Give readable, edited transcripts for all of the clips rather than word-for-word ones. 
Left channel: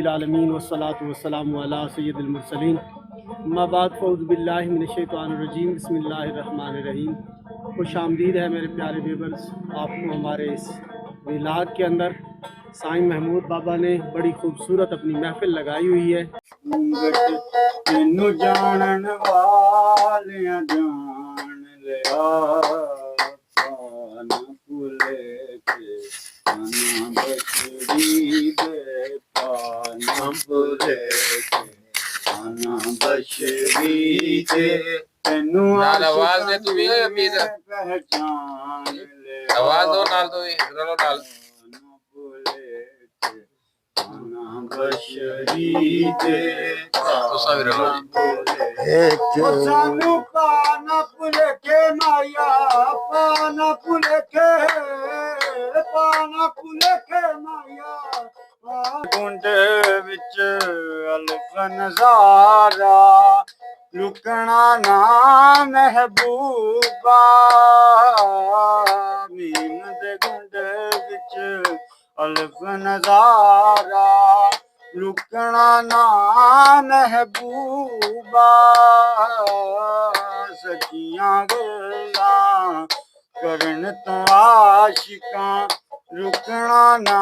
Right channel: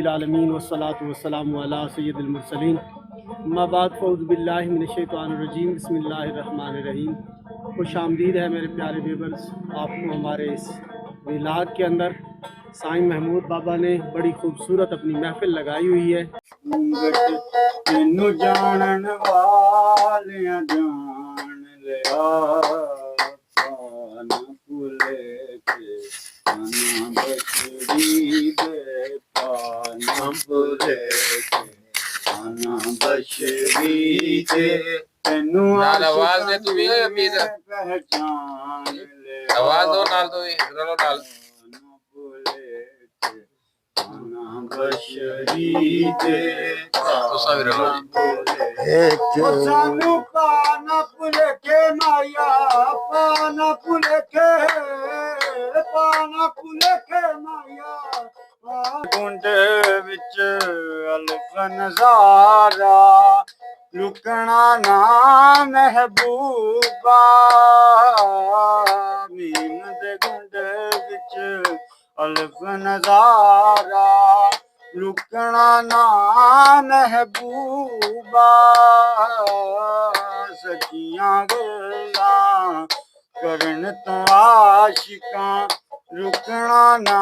रब्बिल आलमीन वस्सलातु वस्सलामु अला सय्यिदिल मुरसलीन अम्मा बाद फ़ऊज़ु बिल्लाहि मिनश शैतानिर रजीम बिस्मिल्लाहिर रहमानिर रहीम। खुश आमदीद है मेरे प्यारे व्यूअर्स, आपको हमारे इस मिलाद के अंदर साईं महमूद बाबा ने बड़ी खूबसूरत अपनी महफिल लगाई हुई है। तेनू जानन वालियां जान लिया पाना भुले के आना बशरी दे पाना भुले के आना बशरी दे तेनू आवाज दे तू भी पहचान ले आवाज दो नाल तो रलो नाल बशरी दे सानू पाना पुलेखे माया पाना पुलेखे माया कुंड विच अल्फ नज़ारा लुकना ना महबूबा मीन दे कुंड विच अल्फ नज़ारा लुकना ना महबूबा सचियां गल्लां करन तो आशिकां रुकना ना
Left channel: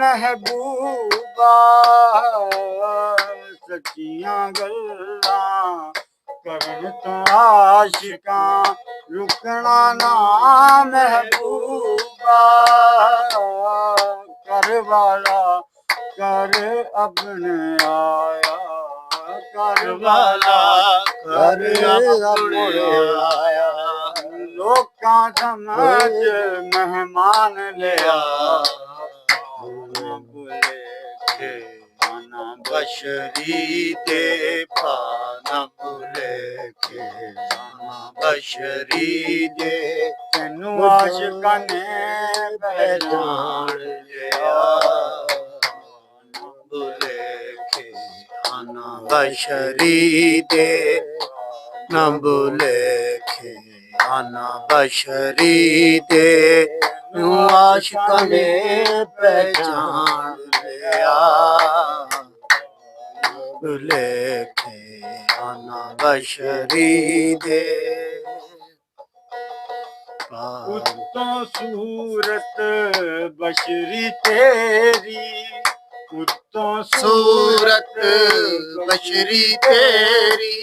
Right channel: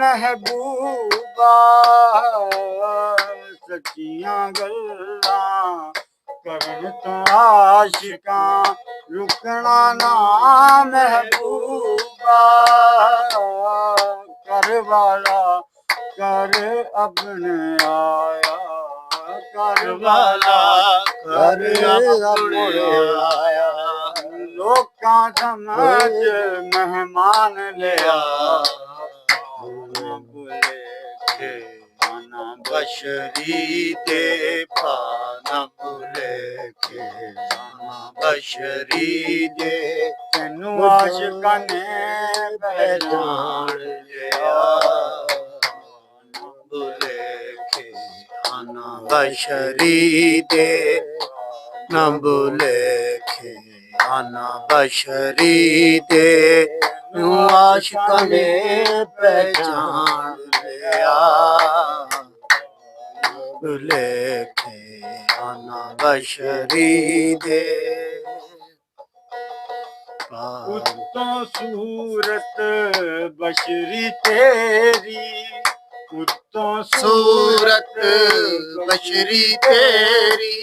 महबूबा सचियां गल्लां करन तो आशिकां रुकना ना महबूबा करवाला कर अपने आया करवाला कर अपने आया लोकां समझ मेहमान लिया बुलेखे आना बशरी दे पाना बुलेखे आना बशरी दे तेनू आशिकां ने पहचान लिया बुलेखे आना बशरी दे न बुलेखे आना बशरी दे आशिकां ने पहचान लिया बुलेखे आना बशरी दे उत्तों सूरत बशरी तेरी उत्तों सूरत बशरी तेरी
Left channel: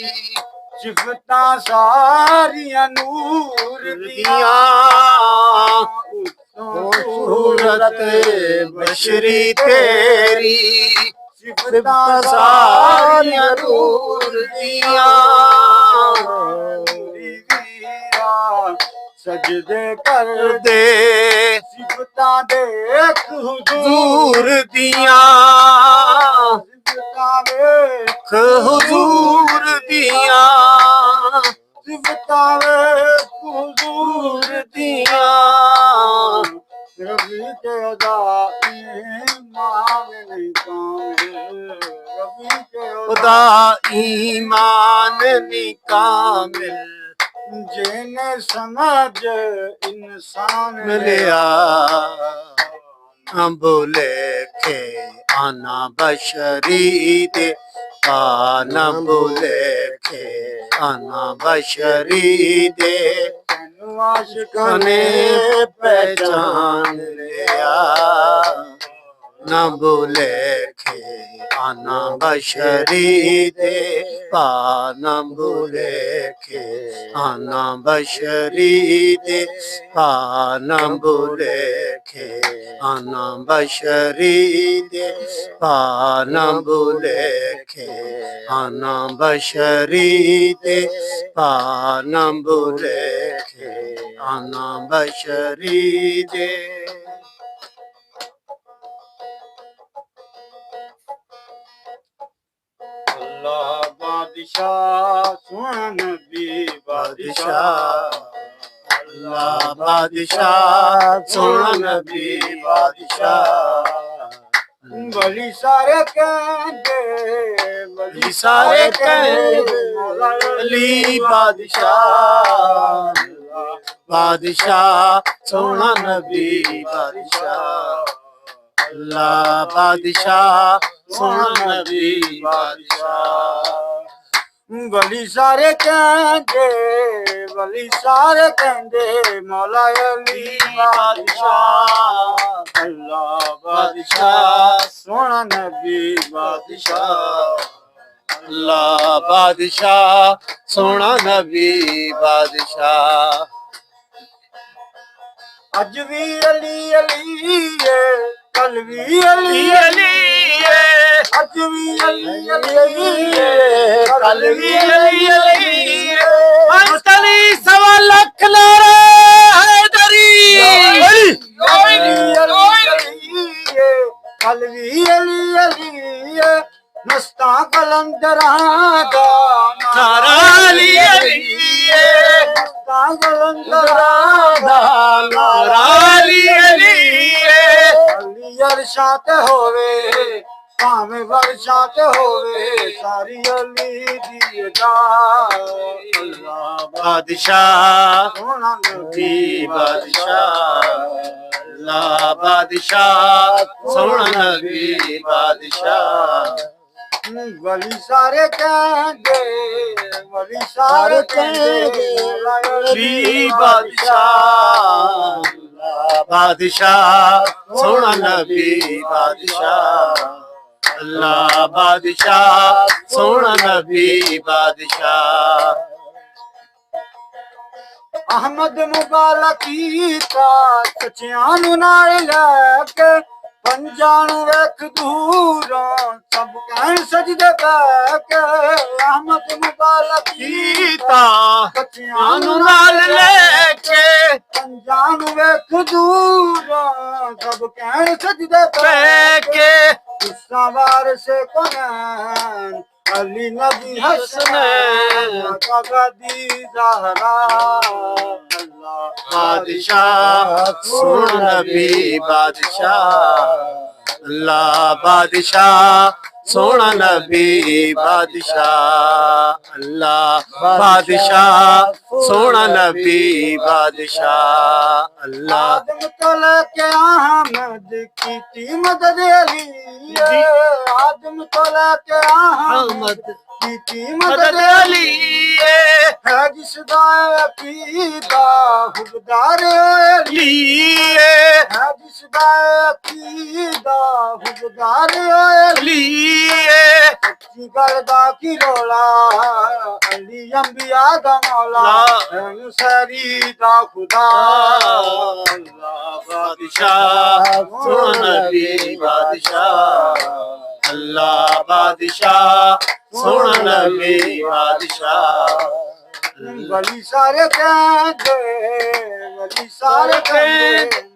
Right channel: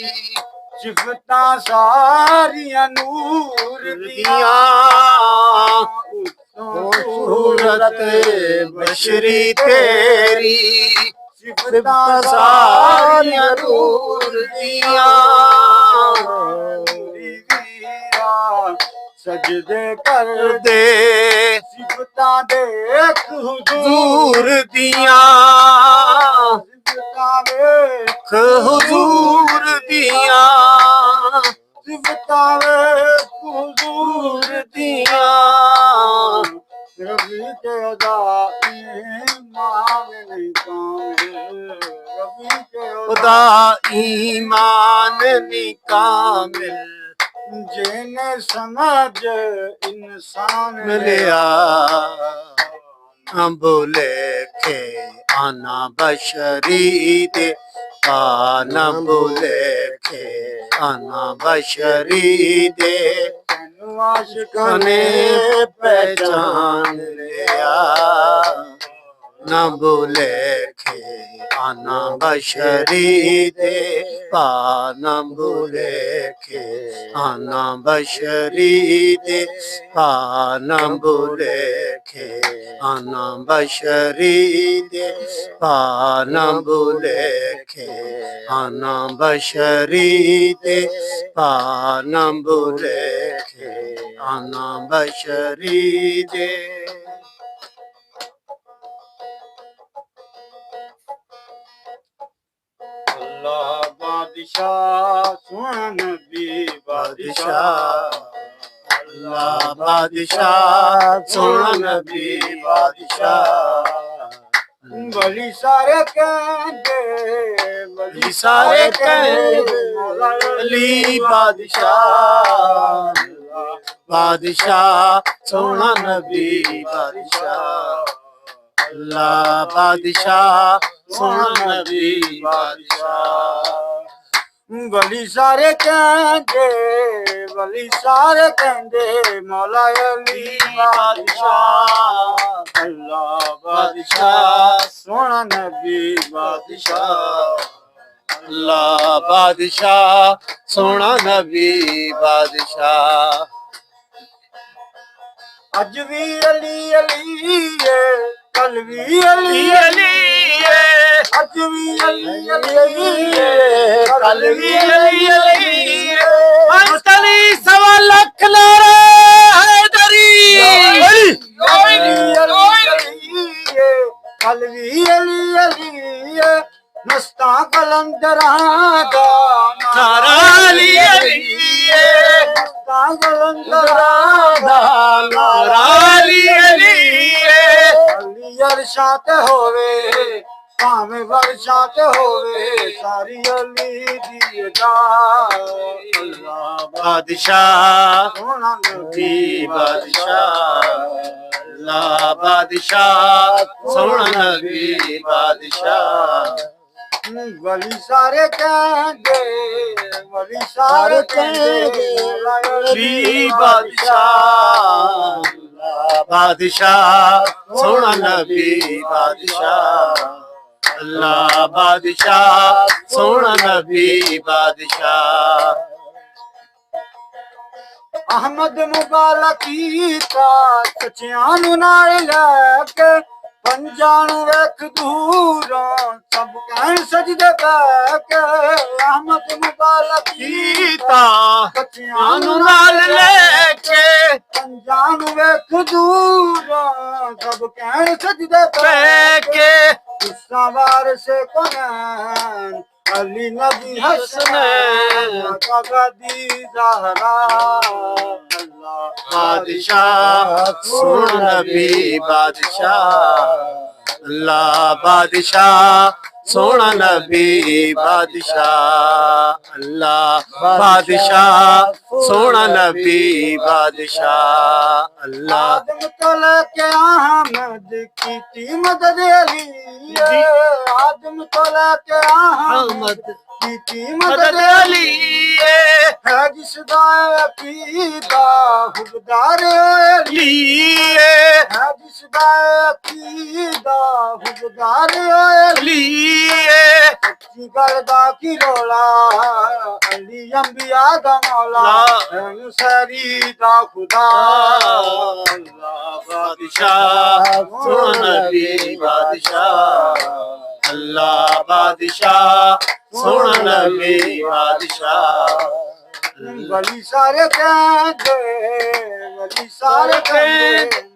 सिफतां सारियां नूर दियां उत्तों सूरत बशरी तेरी सिफतां सारियां नूर दियां सजदे कर दे सिफतां देख हुजूर दियां सिफतां देख हुजूर दियां सिफतां देख हुजूर दियां रबी के अदा ईमान नहीं कामिल रबी के अदा ईमान नहीं कामिल जिन्हें समझ इंसान लिया बुलेखे आना बशरी दे आना बुलेखे आना बशरी दे आशिकां ने पहचान लिया न बुलेखे आना बशरी दे पाना बुलेखे आना बशरी दे पाना बुलेखे आना बशरी दे पाना बुलेखे आना बशरी दे पाना बुलेखे आना बशरी दे अल्लाह बादशाह सोहना नबी बादशाह अल्लाह बादशाह सोहना नबी बादशाह बड़ी सारे कहते बड़ी सारे कहते मौला अली बादशाह बादशाह सोहना नबी बादशाह अल्लाह बादशाह सोना नबी बादशाह वली सारे कहंदे मौला अली बादशाह अल्लाह बादशाह सोना नबी बादशाह अल्लाह बादशाह सोना नबी बादशाह अज भी अली अली है कल भी अली अली है अज भी अली अली है कल भी अली अली है अंतली सवा लख नारा हैदरी कल भी अली अली है मस्ता कलंदरा दा नारा अली अली है मस्ता कलंदरा दा नारा अली अली है अली अरशात होवे भावे वर्षात होवे सारी अली दी अदा अल्लाह बादशाह सोना नबी बादशाह अल्लाह बादशाह सोना नबी बादशाह वली सारे कहंदे अली बादशाह बादशाह सोना नबी बादशाह अल्लाह बादशाह सोना नबी बादशाह अहमद मुबारक कीता सच्चियां नू नाल लैके पंजां नू वेख दूरों सब कहण सजदे बैके अहमद मुबारक कीता सच्चियां नू नाल लैके पंजां नू वेख दूरों सब कहण सजदे बैके गुस्सा वार से कोनैन अली नबी हसनैन कगदी ज़हरा बादशाह सोना नबी बादशाह अल्लाह बादशाह सोना नबी बादशाह अल्लाह बादशाह सोना नबी बादशाह अल्लाह आदम तो लेके अहमद की मदद अली आदम तो लेके अहमद की मदद अली है जिसदा अकीदा हुबदार अली है जिसदा अकीदा हुबदार अली है सच्ची गल दा की रोला अली अंबिया दा मौला सरी दा खुदा अल्लाह बादशाह सोना नबी बादशाह अल्लाह बादशाह सोना नबी बादशाह वली सारे कहंदे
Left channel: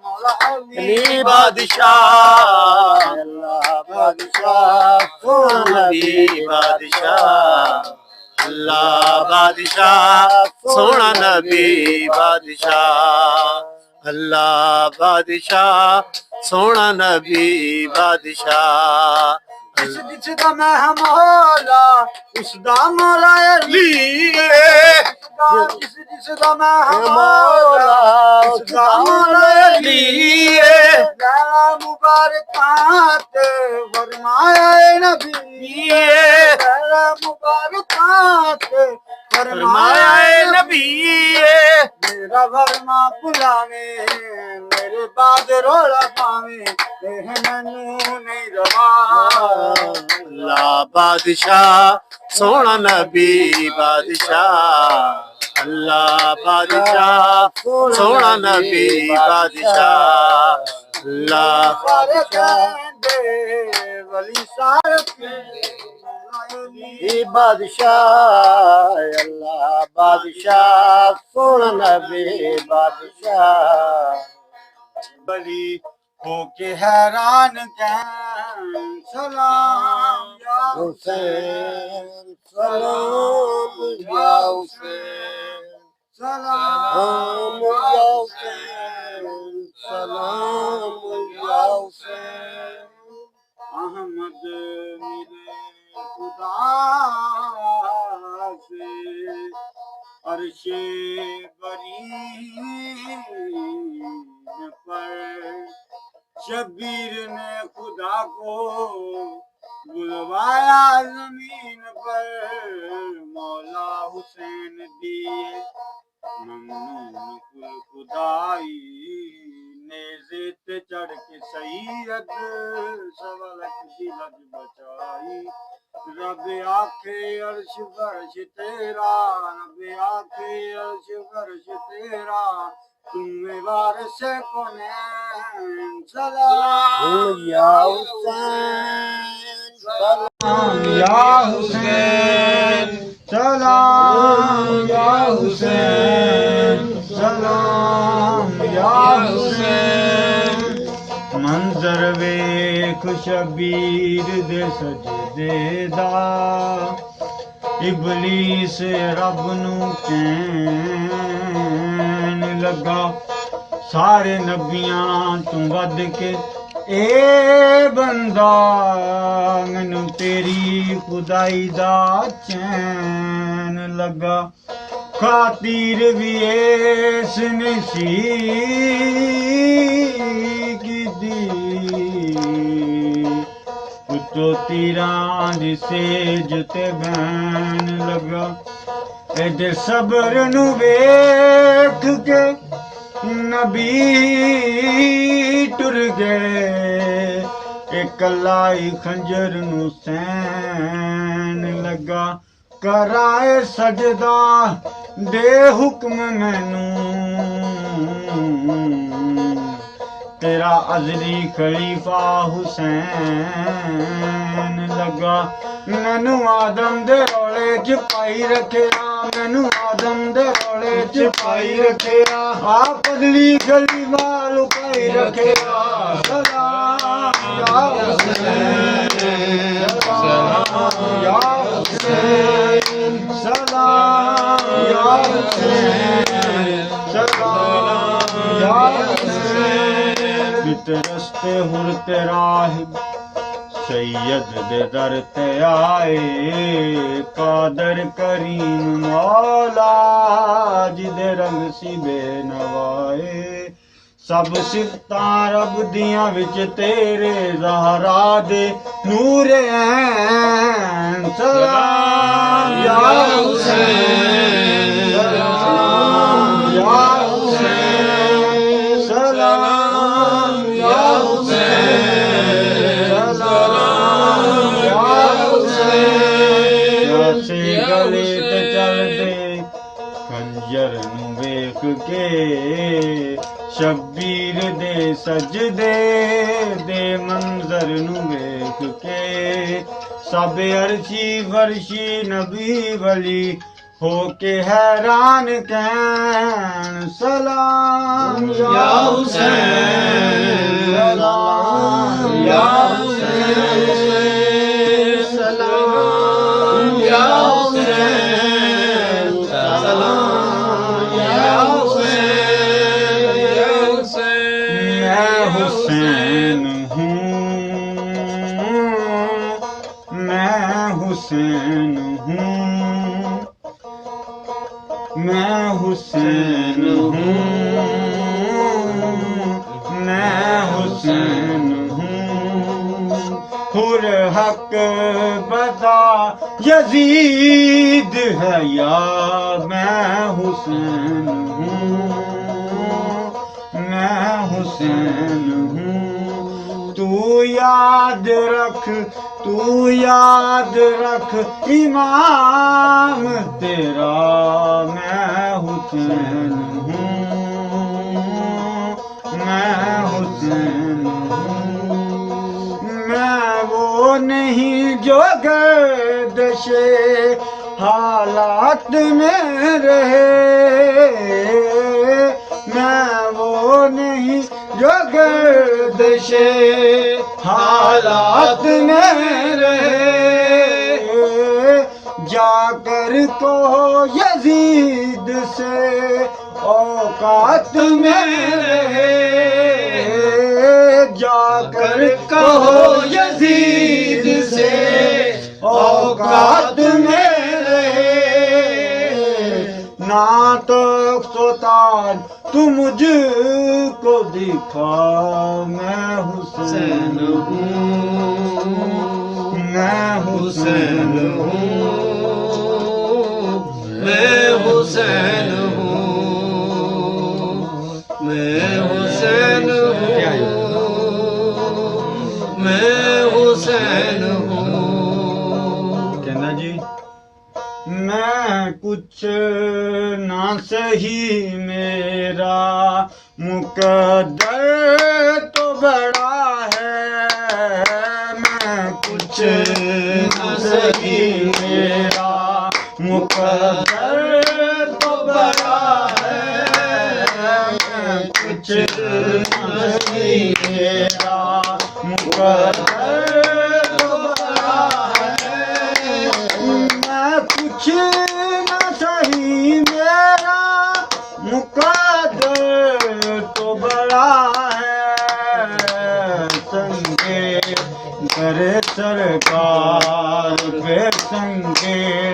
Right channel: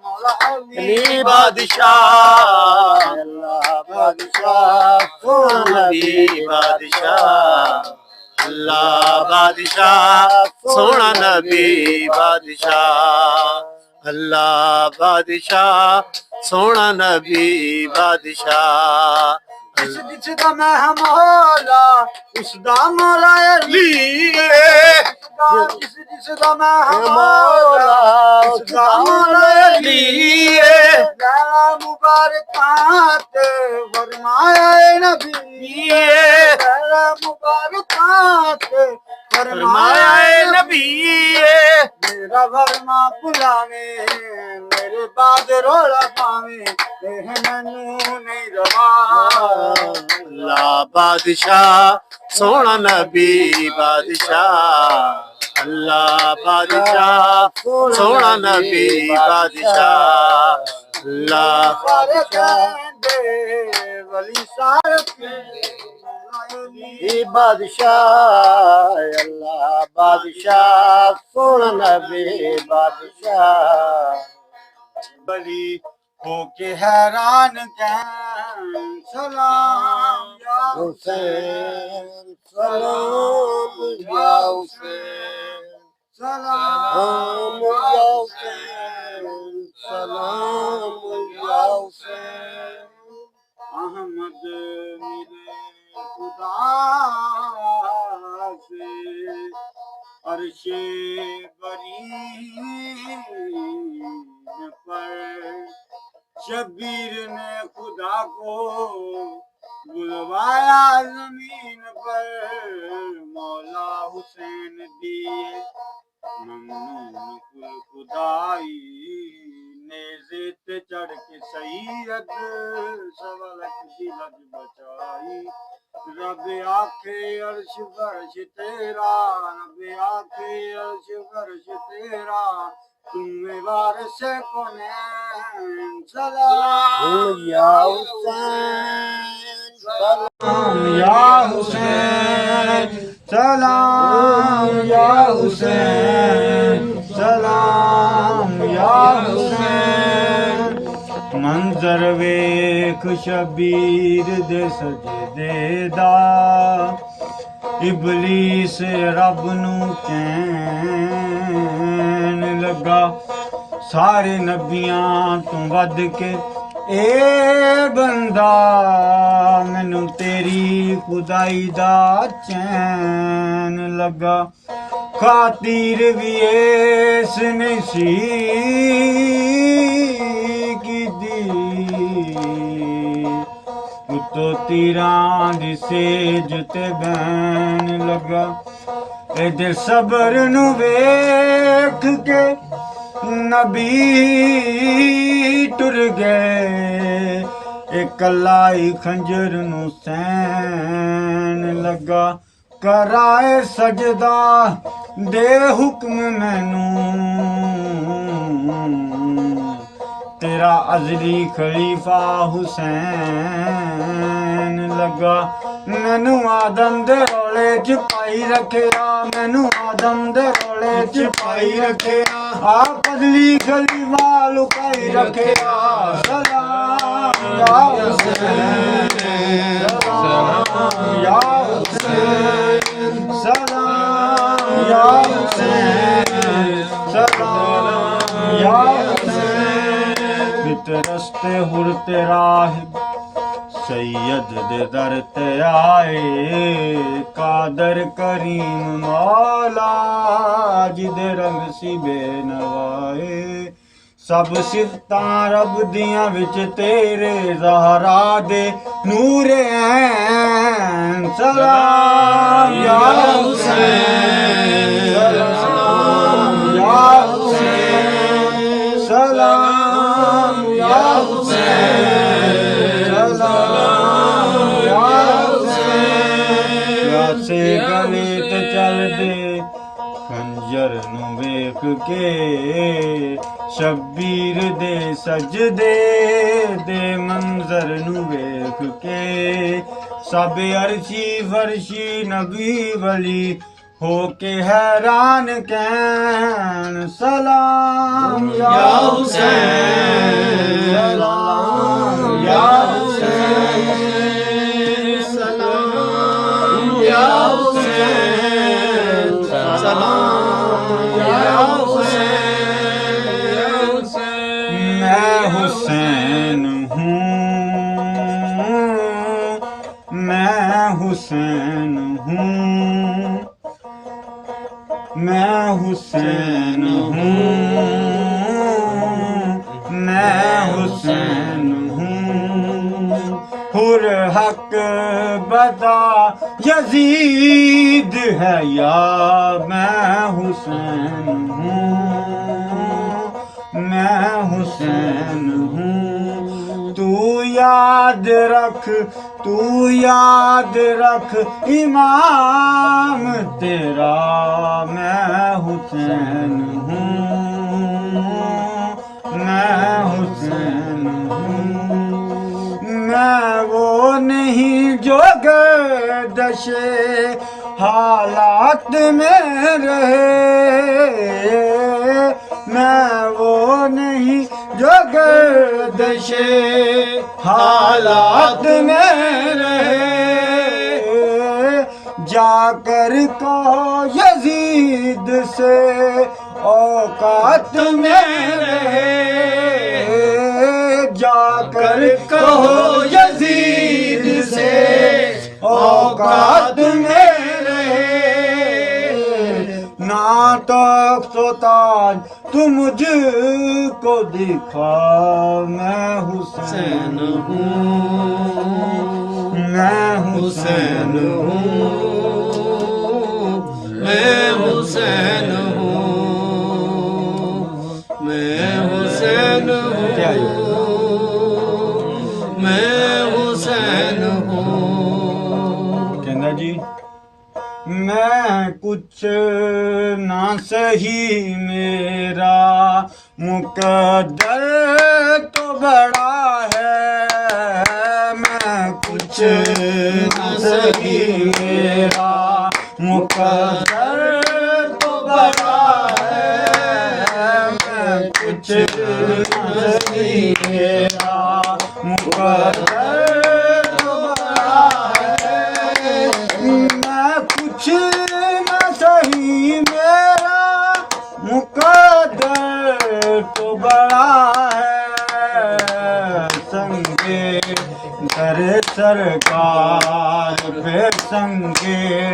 मौला अली बादशाह अल्लाह बादशाह सोना नबी बादशाह अल्लाह बादशाह सोना नबी बादशाह अल्लाह बादशाह सोना नबी बादशाह जिसदा मैं मौला उसदा मौला अली जिसदा मैं मौला उसदा मौला अली मुबारकात फरमाया नबी मुबारकात फरमाया नबी मेरा फरमा बुलावे मेरे बाद रोला पावे मैनू नहीं रवा अल्लाह बादशाह सोना नबी बादशाह अल्लाह बादशाह सोना नबी बादशाह अल्लाह वली सारे बादशाह अल्लाह बादशाह सोना नबी बादशाह बली होके हैरान कहन सलाम या हुसैन सलाम या हुसैन सलाम या हुसैन सलाम या हुसैन अहमद मिले खुदा से अर्शे बरी पर शब्बीर ने खुदा को बुलवाया जमीन पर, मौला हुसैन दिए ममनून कुल खुदाई, नेज़े ते चढ़ के सैयद सवलक दिलज बचाई। रब आखे अर्श फर्श तेरा, रब आखे अर्श फर्श तेरा, तुम्हें वारिस कौनैन सलाम या हुसैन, सलाम या हुसैन, सलाम या हुसैन, सलाम या हुसैन। मंजर वेख शबीर दे सजदे दा, इबलीस रब नू कहन लगा, सारे नबियां तू वध के ए बंदा, मैनू तेरी खुदाई दा चैन लगा। खातिर भी इस नसी की दी, उतो तीरां दी सेज ते बहन लगा। एदे सबर नू वेख के नबी टुर गए, एक लाई खंजर नू सैन लगा। कराए सजदा दे हुक्म मैनू, तेरा अजली खलीफा हुसैन लगा। मैनू आदम दे रोले च पाई रखिया, मैनू आदम दे रोले च पाई रखिया, आप अजली खलीफा लुकाई रखिया। सलाम या हुसैन, सलाम या हुसैन, सलाम या हुसैन, सलाम या हुसैन। बित रस्ते हुरते राहिब सैयद दे दर ते आए, कादर करीम मौला जिदे रंग सी बेनवाए। सब सिफतां रब दियां विच तेरे ज़हरा दे नूरे ऐन। सलाम या हुसैन, सलाम या हुसैन, सलाम या हुसैन, सलाम या हुसैन। से गले ते चल दे खंजर नू वेख के, शब्बीर दे सजदे दे मंजर नू वेख के। सब अर्शी फरशी नबी वली होके हैरान कहन, सलाम या हुसैन, सलाम या हुसैन, सलाम या हुसैन, सलाम या हुसैन। मैं हुसैन हूँ, मैं हुसैन हूँ, मैं हुसैन हूँ, मैं हुसैन हूँ। हुर हक बदा यजीद है या, मैं हुसैन हूँ, मैं हुसैन हूँ। तू याद रख, तू याद रख इमाम तेरा, मैं हुसैन हूँ, मैं हुसैन हूँ। मैं वो नहीं जो गर्दशे हालात में रहे, मैं वो नहीं जो गर्दशे हालात में रहे। जाकर को यजीद से औकात में रहे, जाकर कहो यजीद से औकात में रहे। ना तो ताज तू मुझको दिखा, मैं हुसैन हूँ, मैं हुसैन हूँ, मैं हुसैन हूँ, मैं हुसैन हूँ, मैं हुसैन हूँ। कहना जी मैं कुछ ना सही मेरा मुकद्दर तो बड़ा है, मैं कुछ ना सही मेरा मुकद्दर तो बड़ा है, मैं कुछ ना सही मेरा मुकद्दर तो बड़ा है, मैं कुछ न सही मेरा मुकद्दर तो बड़ा है, संगे दर सरकार पे, संगे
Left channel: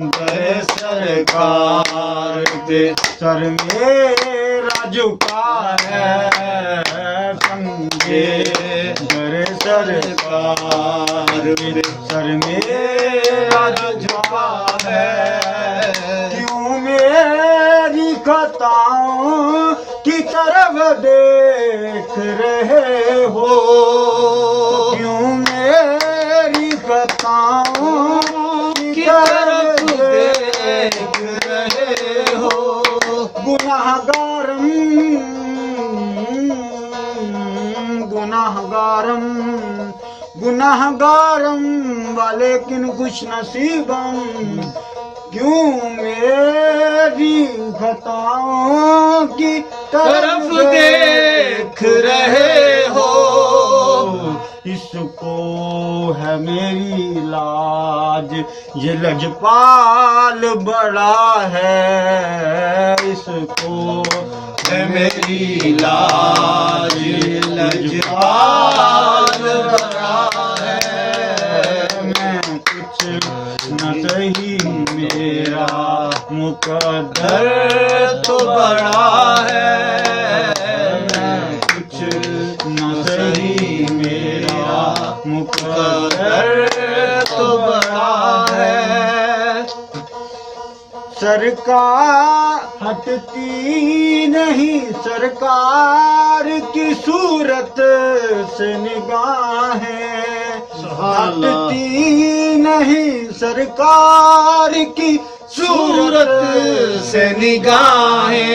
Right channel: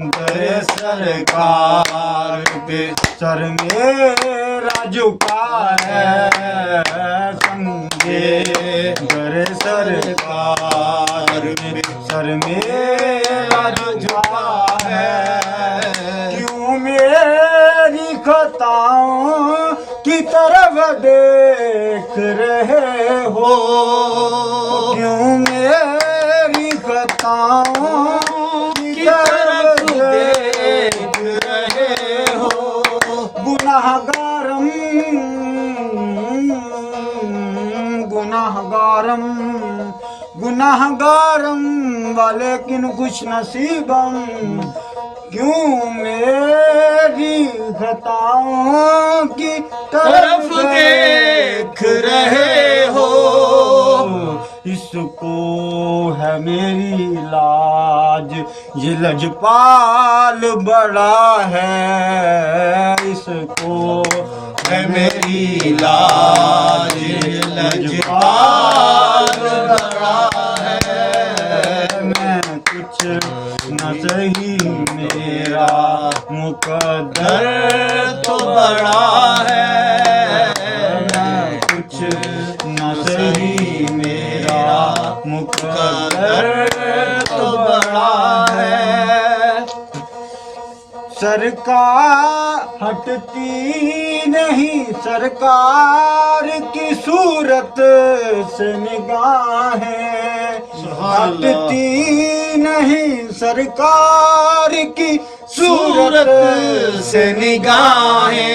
दर सरकार पे सर मेरा झुका है, संगे दर सरकार पे सर मेरा झुका है, क्यों मेरी खताओं की तरफ देख रहे हो, क्यों मेरी खताओं की तरफ देख रहे हो, गुनाहगारम गुनाहगारम गुनाहगारम वालेकिन खुश नसीबम, क्यों मेरी खताओं की तरफ देख रहे हो, इसको है मेरी लाज ये लजपाल बड़ा है, इसको है मेरी लाज ये लजपाल बड़ा है, मैं कुछ न सही मेरा मुकद्दर तो बड़ा है, मैं कुछ न सही मेरा मुकद्दर तो बड़ा है, सरकार हटती नहीं सरकार की सूरत से निगाहें, हटती नहीं सरकार की सूरत से निगाहें,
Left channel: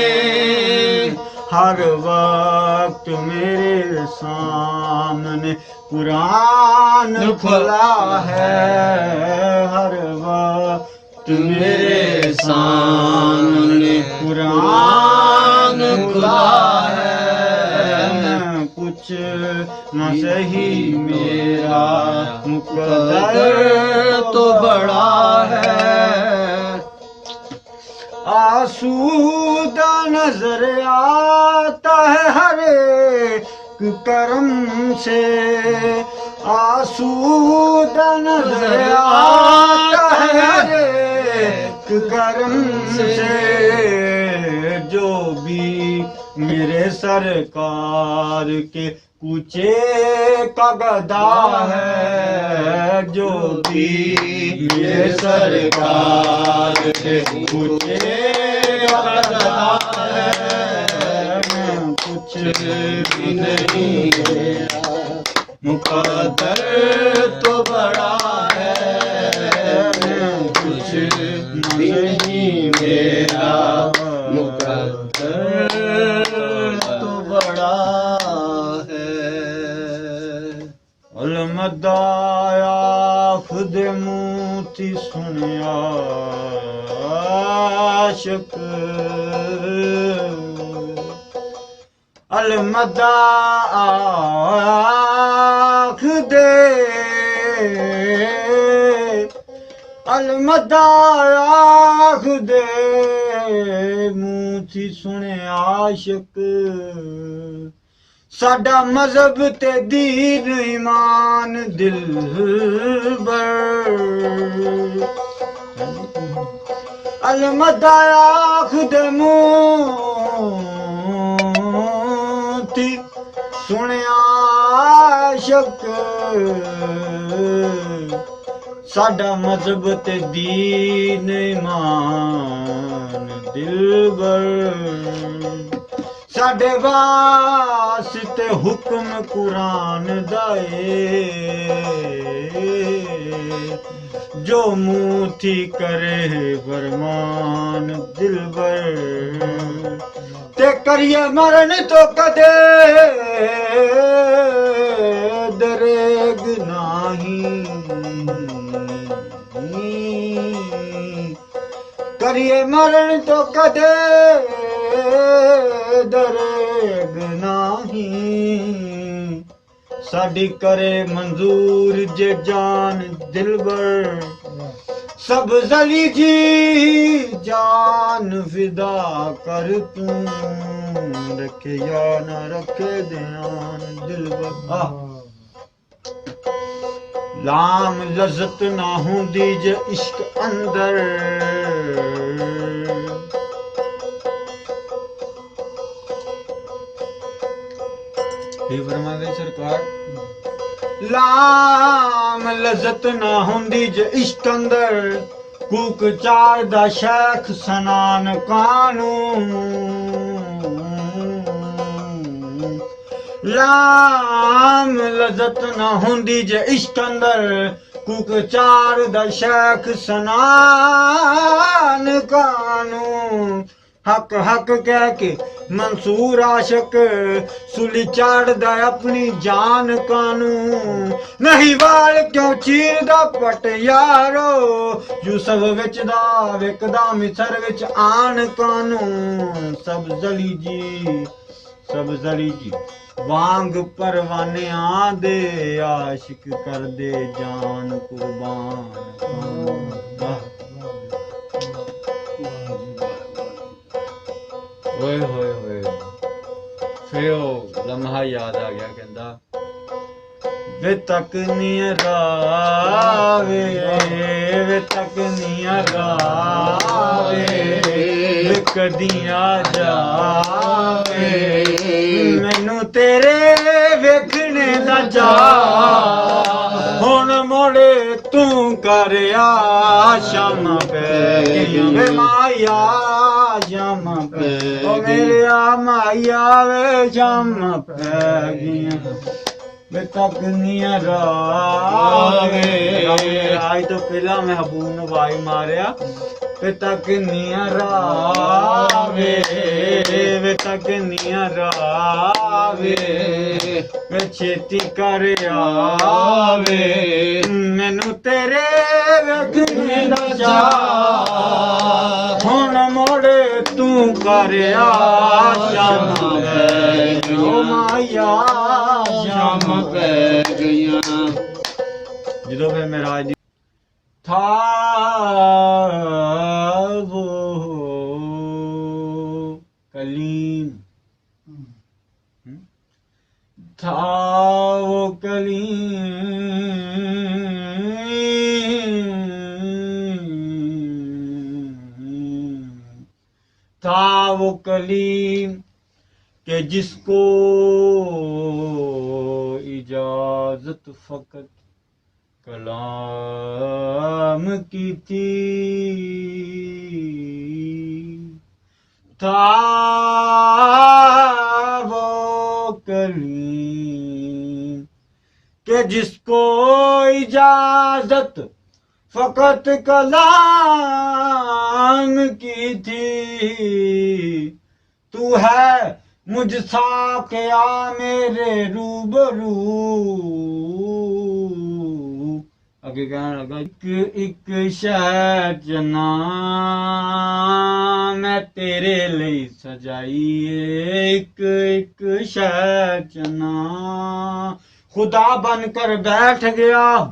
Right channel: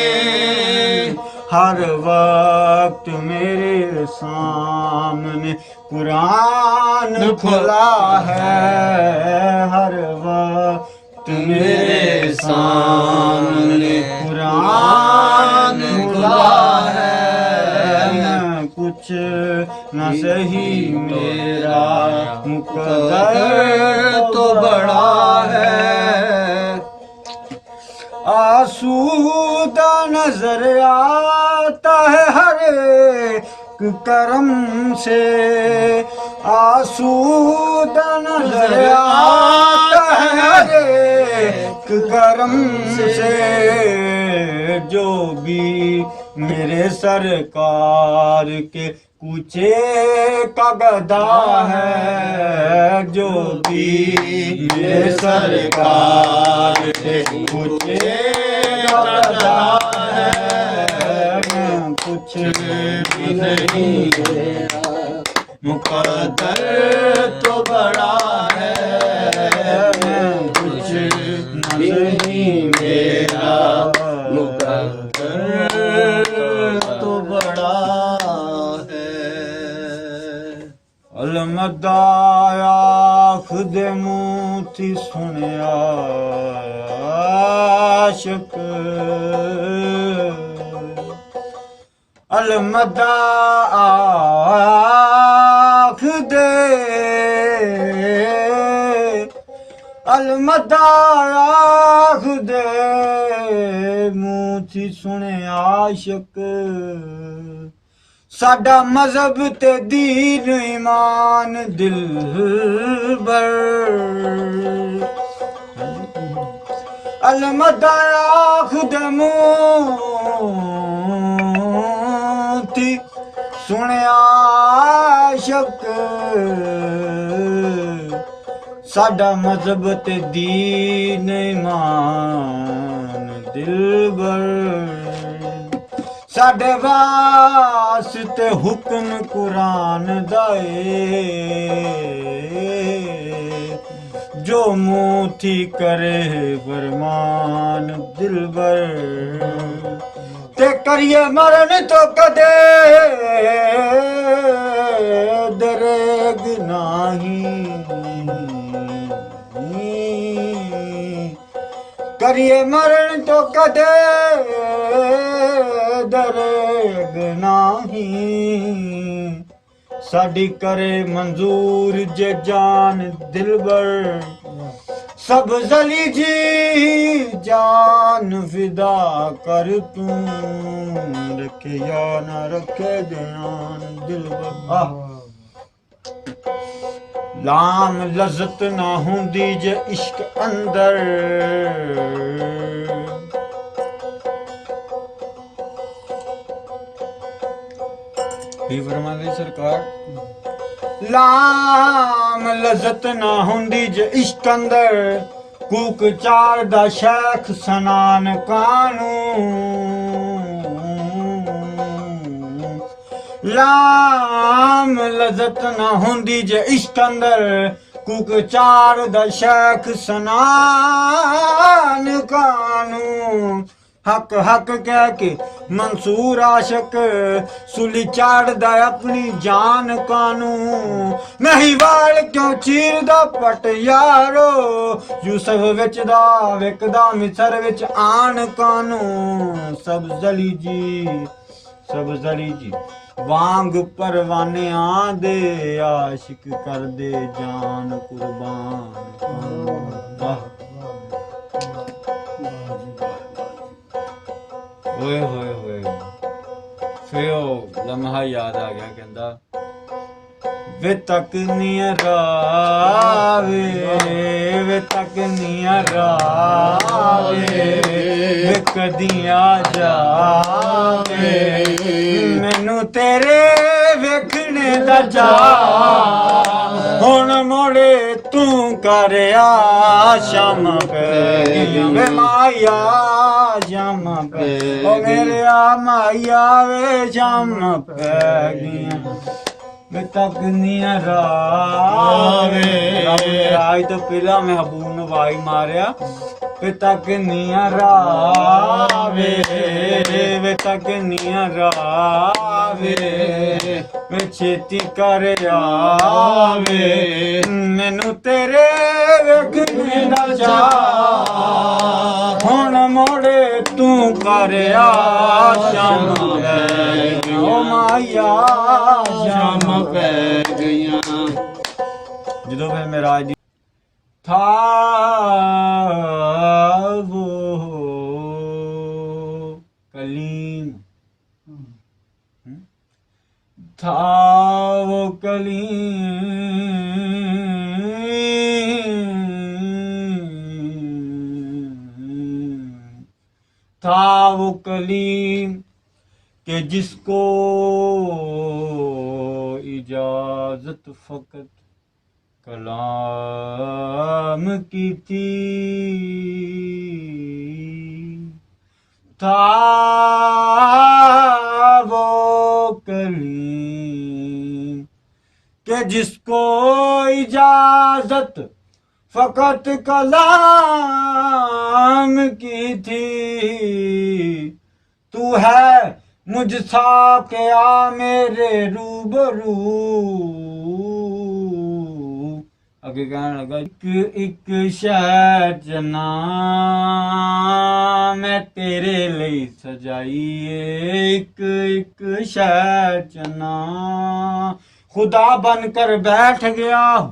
हर वक्त मेरे सामने कुरान खुला है, हर वक्त मेरे सामने कुरान खुला है, मैं कुछ न सही मेरा मुकद्दर तो बड़ा है, आसूदा नजर आता है हर एक करम से, आसूदा नजर आता है हर एक करम से, जो भी मेरे सरकार के कूचे का गदा है, जो भी मेरे सरकार के कूचे का गदा है, मैं कुछ भी नहीं मेरा मुकद्दर तो बड़ा है, मैं कुछ नहीं मेरा मुकद्दर तो बड़ा है, अलमदाया खुद मोती सुनिया आशिक, अलमदा आख दे, अलमदा आख दे मूथी सुने आशिक, साडा मजहब ते दीन ईमान दिल बर, अलमदा आख दे मूथी ਮੂਥੀ ਸੁਣਿਆ ਸ਼ਕ ਸਾਡਾ ਮਜ਼ਹਬ ਤੇ ਦੀਨ ਇਮਾਨ ਦਿਲਬਰ ਸਾਡੇ ਵਾਸਤੇ ਹੁਕਮ ਕੁਰਾਨ ਦਾ ਏ ਜੋ ਮੂਥੀ ਕਰੇ ਫਰਮਾਨ ਦਿਲਬਰ ਤੇ ਕਰੀਏ ਮਰਨ ਤੋਂ ਕਦੇ ਦਰਗ ਨਹੀਂ ਕਰੀਏ ਮਰਨ ਤੋਂ ਕਦੇ ਦਰਗ ਨਹੀਂ ਸਾਡੀ ਕਰੇ ਮਨਜ਼ੂਰ ਜੇ ਜਾਨ ਦਿਲਬਰ सब जली जी जान फिदा कर तू रखे या ना रखे ध्यान दिल बा लाम लज़त ना हुंदी जे इश्क अंदर भी फरमावे सरकार लाम लज़त ना हुंदी जे इश्क अंदर कूक चार दा शेख सनान कानून लाम लज़त ना हुंदी जे इश्क अंदर कूक चार दा शेख सनान कानून हक हक कह के मंसूर आशक सुली चाड़दा अपनी जान कानू नहीं वाल क्यों चीरदा पट यारो यूसुफ विच दा विकदा मिसर विच आन कानू सब जली जी वांग परवाने आंदे आशिक कर दे जान कुर्बान होए होए होए फिर ਉਹ ਲਮਹਾ ਯਾਦ ਆ ਗਿਆ ਕਹਿੰਦਾ ਵੇ ਤੱਕਨੀਆਂ ਰਾਵੇ ਵੇ ਤੱਕਨੀਆਂ ਰਾਵੇ ਵੇ ਕਦੀਆਂ ਜਾਵੇ ਮੈਨੂੰ ਤੇਰੇ ਵੇਖਣੇ ਦਾ ਜਾ ਹੁਣ ਮੋੜੇ ਤੂੰ ਕਰਿਆ ਸ਼ਾਮਾਂ ਪੈ ਗਈਆਂ ਵੇ ਮਾਇਆ ਸ਼ਾਮਾਂ ਪੈ ਓ ਮੇਰੇ ਆ ਮਾਇਆ ਵੇ ਸ਼ਾਮਾਂ ਪੈ ਗਈਆਂ ਵੇ ਤੱਕਨੀਆਂ ਰਾਵੇ ਅੱਜ ਤੋਂ ਪਹਿਲਾਂ ਮਹਿਬੂਬ ਨੂੰ ਵਾਈ ਮਾਰਿਆ ਵੇ ਤੱਕਨੀਆਂ ਰਾਵੇ ਵੇ ਤੱਕਨੀਆਂ ਰਾਵੇ ਵੇ ਛੇਤੀ ਕਰ ਆਵੇ ਮੈਨੂੰ ਤੇਰੇ ਵੇਖਣੇ ਦਾ ਚਾਅ ਹੁਣ ਮੋੜੇ ਤੂੰ ਕਰਿਆ ਸ਼ਾਮ ਪੈ ਗਈਆਂ ਮਾਇਆ ਸ਼ਾਮ ਪੈ ਗਈਆਂ ਜਦੋਂ ਫਿਰ ਮੇਰਾਜ ਦੀ ਥਾ वो कलीम था वो कलीम के जिसको इजाजत फकत कलाम की थी था वो कलीम के जिसको इजाजत फकत कलाम की थी तू है मुझसा क्या मेरे रूबरू ਅੱਗੇ ਕਹਿਣ ਲੱਗਾ ਇੱਕ ਸ਼ਹਿਰ ਜਨਾ ਮੈਂ ਤੇਰੇ ਲਈ ਸਜਾਈ ਏ ਇੱਕ ਸ਼ਹਿਰ ਜਨਾ ਖੁਦਾ ਬਨ ਕਰ ਬੈਠ ਗਿਆ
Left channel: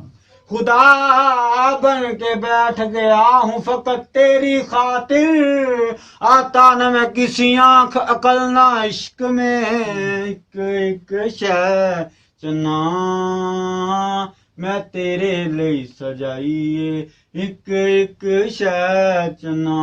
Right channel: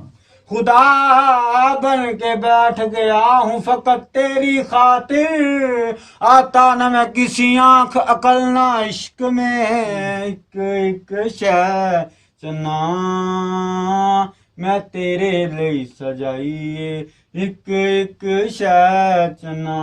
खुदा बन के बैठ गया हूँ फकत तेरी खातिर आता न मैं किसी आँख अकल ना इश्क में एक शय चना मैं तेरे लिए सजाइए एक शय चना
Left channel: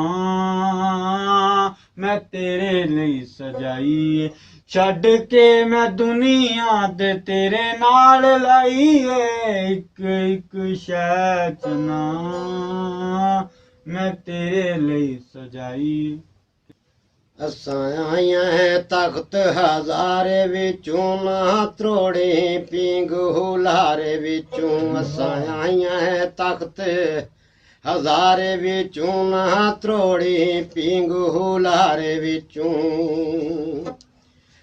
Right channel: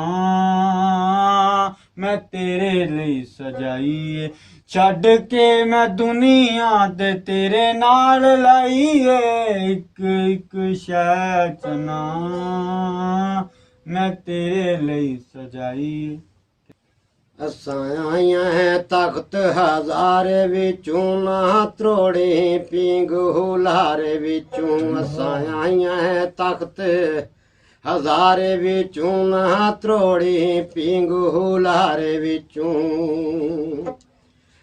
ਮੈਂ ਤੇਰੇ ਲਈ ਸਜਾਈ ਏ ਛੱਡ ਕੇ ਮੈਂ ਦੁਨੀਆ ਤੇ ਤੇਰੇ ਨਾਲ ਲਾਈ ਏ ਇੱਕ ਇੱਕ ਸ਼ੈ ਚਨਾ ਮੈਂ ਤੇਰੇ ਲਈ ਸਜਾਈ ਏ ਅਸਾਂ ਆਈਆਂ ਹੈ ਤਖਤ ਹਜ਼ਾਰੇ ਵਿੱਚੋਂ ਨਾ ਤਰੋੜੇ ਪੀਂਗ ਹੁਲਾਰੇ ਵਿੱਚੋਂ ਅਸਾਂ ਆਈਆਂ ਹੈ ਤਖਤ ਹਜ਼ਾਰੇ ਵਿੱਚੋਂ ਨਾ ਤਰੋੜੇ ਪੀਂਗ ਹੁਲਾਰੇ ਵਿੱਚੋਂ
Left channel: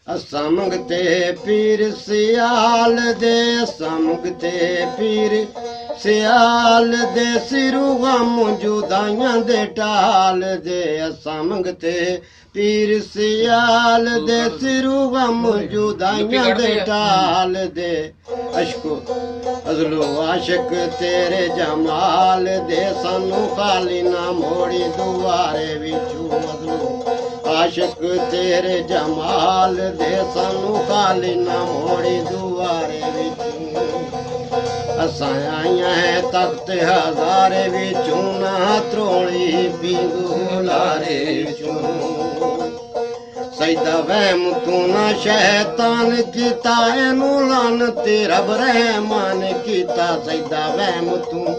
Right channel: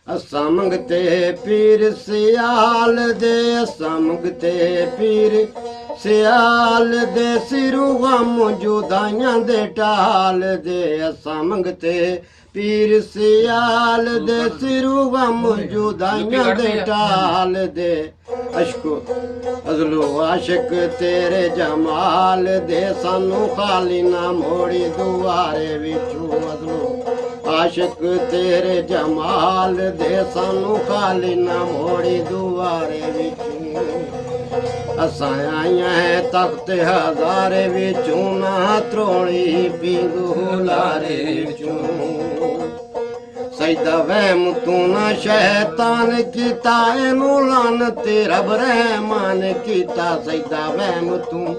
ਅਸਾਂ ਮੰਗਤੇ ਪੀਰ ਸਿਆਲ ਦੇ ਅਸਾਂ ਮੰਗਤੇ ਪੀਰ ਸਿਆਲ ਦੇ ਸਿਰੂ ਗਮ ਜੁਦਾਈਆਂ ਦੇ ਟਾਲ ਦੇ ਅਸਾਂ ਮੰਗਤੇ ਪੀਰ ਸਿਆਲ ਦੇ ਸਿਰੂ ਗਮ ਜੁਦਾਈਆਂ ਦੇ ਟਾਲ ਦੇ ਅਸ਼ਕੋ ਅਜ਼ਲੋ ਆਸ਼ਕ ਤੇਰੇ ਜਮਾਲ ਦੇ ਸਾਨੂੰ ਖਾਲੀ ਨਾ ਮੋੜੀ ਦੁਆਰੇ ਵਿੱਚੋਂ ਅਜ਼ਲੋ ਆਸ਼ਕ ਤੇਰੇ ਜਮਾਲ ਦੇ ਸਾਨੂੰ ਖਾਲੀ ਨਾ ਮੋੜੀ ਦੁਆਰੇ ਵਿੱਚੋਂ ਅਸਾਂ ਆਈਆਂ ਹੈ ਤਖਤ ਹਜ਼ਾਰੇ ਵਿੱਚੋਂ ਨਾ ਤਰੋੜੀ ਪੀਂਗੂ ਲਾਰੇ ਵਿੱਚੋਂ ਸਜਦਾ ਵਹਿਮ ਤੂੰ ਨਾ ਸ਼ੈਤਾਨ ਕੀਤਾ ਇਹਨੂੰ ਲਾਨਤ ਰੱਬ ਰਹਿਮਾਨ ਕੀਤਾ ਸਜਦਾ ਵਹਿਮ ਤੂੰ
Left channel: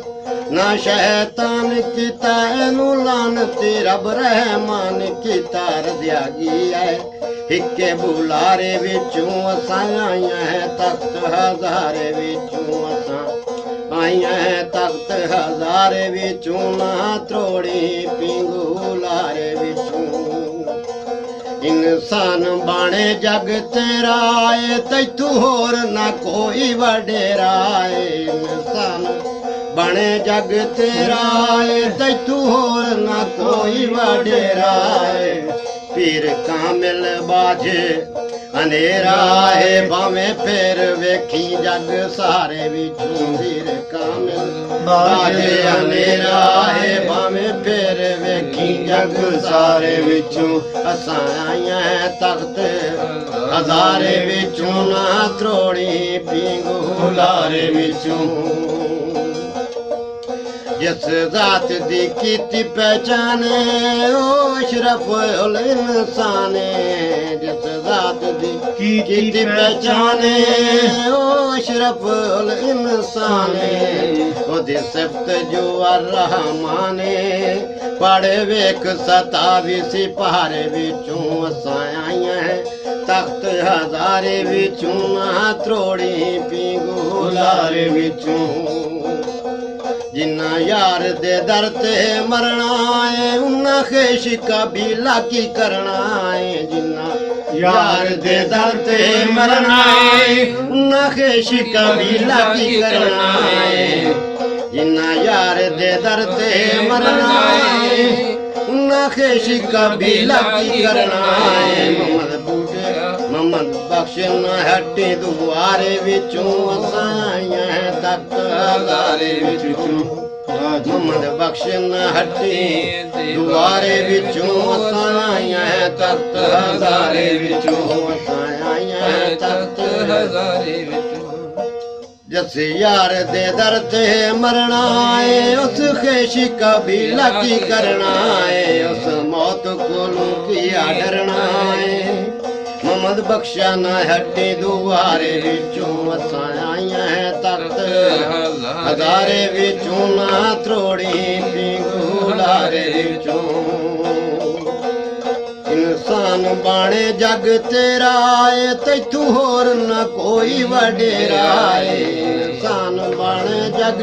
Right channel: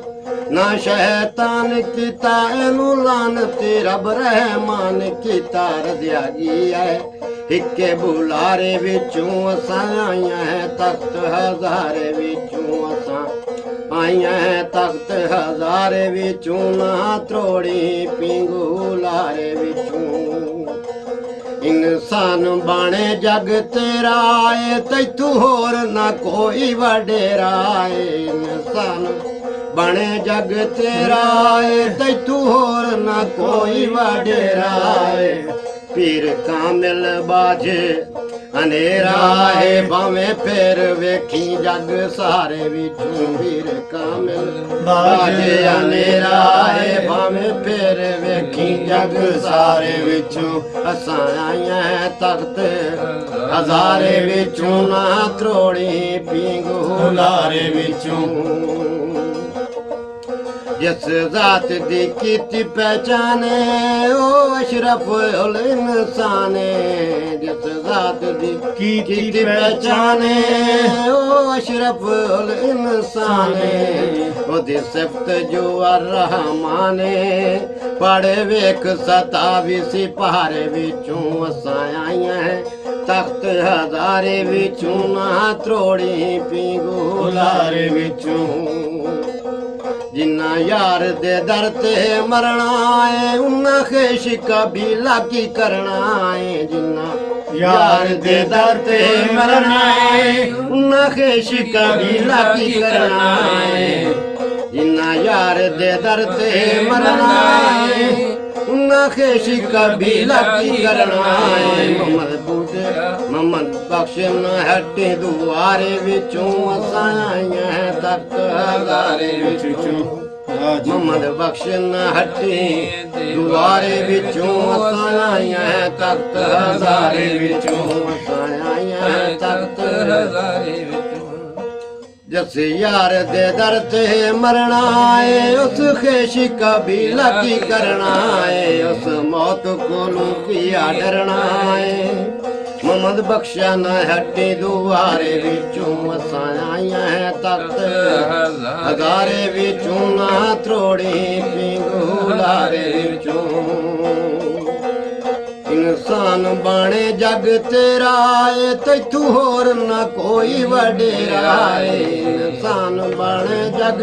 ਨਾ ਸ਼ੈਤਾਨ ਕੀਤਾ ਇਹਨੂੰ ਲਾਨਤ ਰੱਬ ਰਹਿਮਾਨ ਕੀਤਾ ਰਜ਼ਿਆ ਗਈ ਹੈ ਇੱਕੇ ਬੁਲਾਰੇ ਵਿੱਚੋਂ ਅਸਾਂ ਆਈਆਂ ਹੈ ਤਖਤ ਹਜ਼ਾਰੇ ਵਿੱਚੋਂ ਅਸਾਂ ਆਈਆਂ ਹੈ ਤਖਤ ਹਜ਼ਾਰੇ ਵਿੱਚੋਂ ਨਾ ਤਰੋੜੀ ਪੀਂਗੂ ਲਾਰੇ ਵਿੱਚੋਂ ਇਨਸਾਨ ਬਾਣੇ ਜਗ ਤੇਰਾ ਏ ਤੈਥੋਂ ਹੋਰ ਨਾ ਕੋਈ ਵਡੇਰਾ ਏ ਇਨਸਾਨ ਬਣੇ ਜਗ ਤੇਰਾ ਏ ਤੈਥੋਂ ਹੋਰ ਨਾ ਕੋਈ ਵਡੇਰਾ ਏ ਪੀਰ ਕਾਮਿਲ ਬਾਝੇ ਹਨੇਰਾ ਏ ਭਾਵੇਂ ਫੇਰ ਵੇਖੀ ਜਗ ਸਾਰੇ ਵਿੱਚੋਂ ਪੀਰ ਕਾਮਿਲ ਬਾਝੇ ਹਨੇਰਾ ਏ ਭਾਵੇਂ ਫੇਰ ਵੇਖੀ ਜਗ ਸਾਰੇ ਵਿੱਚੋਂ ਅਸਾਂ ਆਈਆਂ ਹੈ ਤਖਤ ਹਜ਼ਾਰੇ ਵਿੱਚੋਂ ਨਾ ਤਰੋੜੀ ਪੀਂਗੂ ਲਾਰੇ ਵਿੱਚੋਂ ਜਿਸ ਜ਼ਾਤ ਦੀ ਕੀਤੀ ਪਹਿਚਾਨੇ ਉਹ ਅਸ਼ਰਫ ਉਲ ਇਨਸਾਨੇ ਜਿਸ ਜ਼ਾਤ ਦੀ ਕੀਤੀ ਪਹਿਚਾਨੇ ਉਹ ਅਸ਼ਰਫ ਉਲ ਇਨਸਾਨੇ ਉਹਦੀ ਸਿਫਤ ਜੋ ਅਰ-ਰਹਿਮਾਨੇ ਪੜ੍ਹ ਵੇਖ 27 ਸਿਪਾਰੇ ਵਿੱਚੋਂ ਅਸਾਂ ਆਈਆਂ ਹੈ ਤਖਤ ਹਜ਼ਾਰੇ ਵਿੱਚੋਂ ਨਾ ਤਰੋੜੀ ਪੀਂਗੂ ਲਾਰੇ ਵਿੱਚੋਂ ਜਿੰਨਾ ਯਾਰ ਦੇ ਦਰ ਤੇ ਮਰਨਾ ਏ ਉਹਨਾਂ ਖੇਸ਼ ਕਬੀਲਾ ਕੀ ਕਰਨਾ ਏ ਜਿੰਨਾ ਯਾਰ ਦੇ ਦਰ ਤੇ ਮਰਨਾ ਏ ਉਹਨਾਂ ਖੇਸ਼ ਕਬੀਲਾ ਕੀ ਕਰਨਾ ਏ ਜਿੰਨਾ ਯਾਰ ਦੇ ਦਰ ਤੇ ਮਰਨਾ ਏ ਉਹਨਾਂ ਖੇਸ਼ ਕਬੀਲਾ ਕੀ ਕਰਨਾ ਏ ਮੁਹੰਮਦ ਬੂਟੇ ਮੁਹੰਮਦ ਬਖਸ਼ ਨਾ ਹੱਟੀ ਦੁਆਰੇ ਵਿੱਚੋਂ ਅਸਾਂ ਆਈਆਂ ਹੈ ਤਖਤ ਹਜ਼ਾਰੇ ਵਿੱਚੋਂ ਮੁਹੰਮਦ ਬਖਸ਼ ਨਾ ਹੱਟੀ ਦੁਆਰੇ ਵਿੱਚੋਂ ਅਸਾਂ ਆਈਆਂ ਹੈ ਤਖਤ ਹਜ਼ਾਰੇ ਵਿੱਚੋਂ ਅਸਾਂ ਆਈਆਂ ਹੈ ਤਖਤ ਹਜ਼ਾਰੇ ਵਿੱਚੋਂ ਜਿਸ ਯਾਰ ਦੇ ਦਰ ਤੇ ਮਰਨਾ ਏ ਉਸ ਖੇਸ਼ ਕਬੀਲਾ ਕੀ ਕਰਨਾ ਏ ਉਸ ਮੌਤ ਕੋਲੋਂ ਕੀ ਡਰਨਾ ਏ ਮੁਹੰਮਦ ਬਖਸ਼ਾ ਨਾ ਹੱਟੀ ਦੁਆਰੇ ਵਿੱਚੋਂ ਅਸਾਂ ਆਈਆਂ ਹੈ ਤਖਤ ਹਜ਼ਾਰੇ ਵਿੱਚੋਂ ਨਾ ਤਰੋੜੀ ਪੀਂਗੂ ਲਾਰੇ ਵਿੱਚੋਂ ਇਨਸਾਨ ਬਾਣੇ ਜਗ ਤੇਰਾ ਏ ਤੈਥੋਂ ਹੋਰ ਨਾ ਕੋਈ ਵਡੇਰਾ ਏ ਇਨਸਾਨ ਬਾਣੇ ਜਗ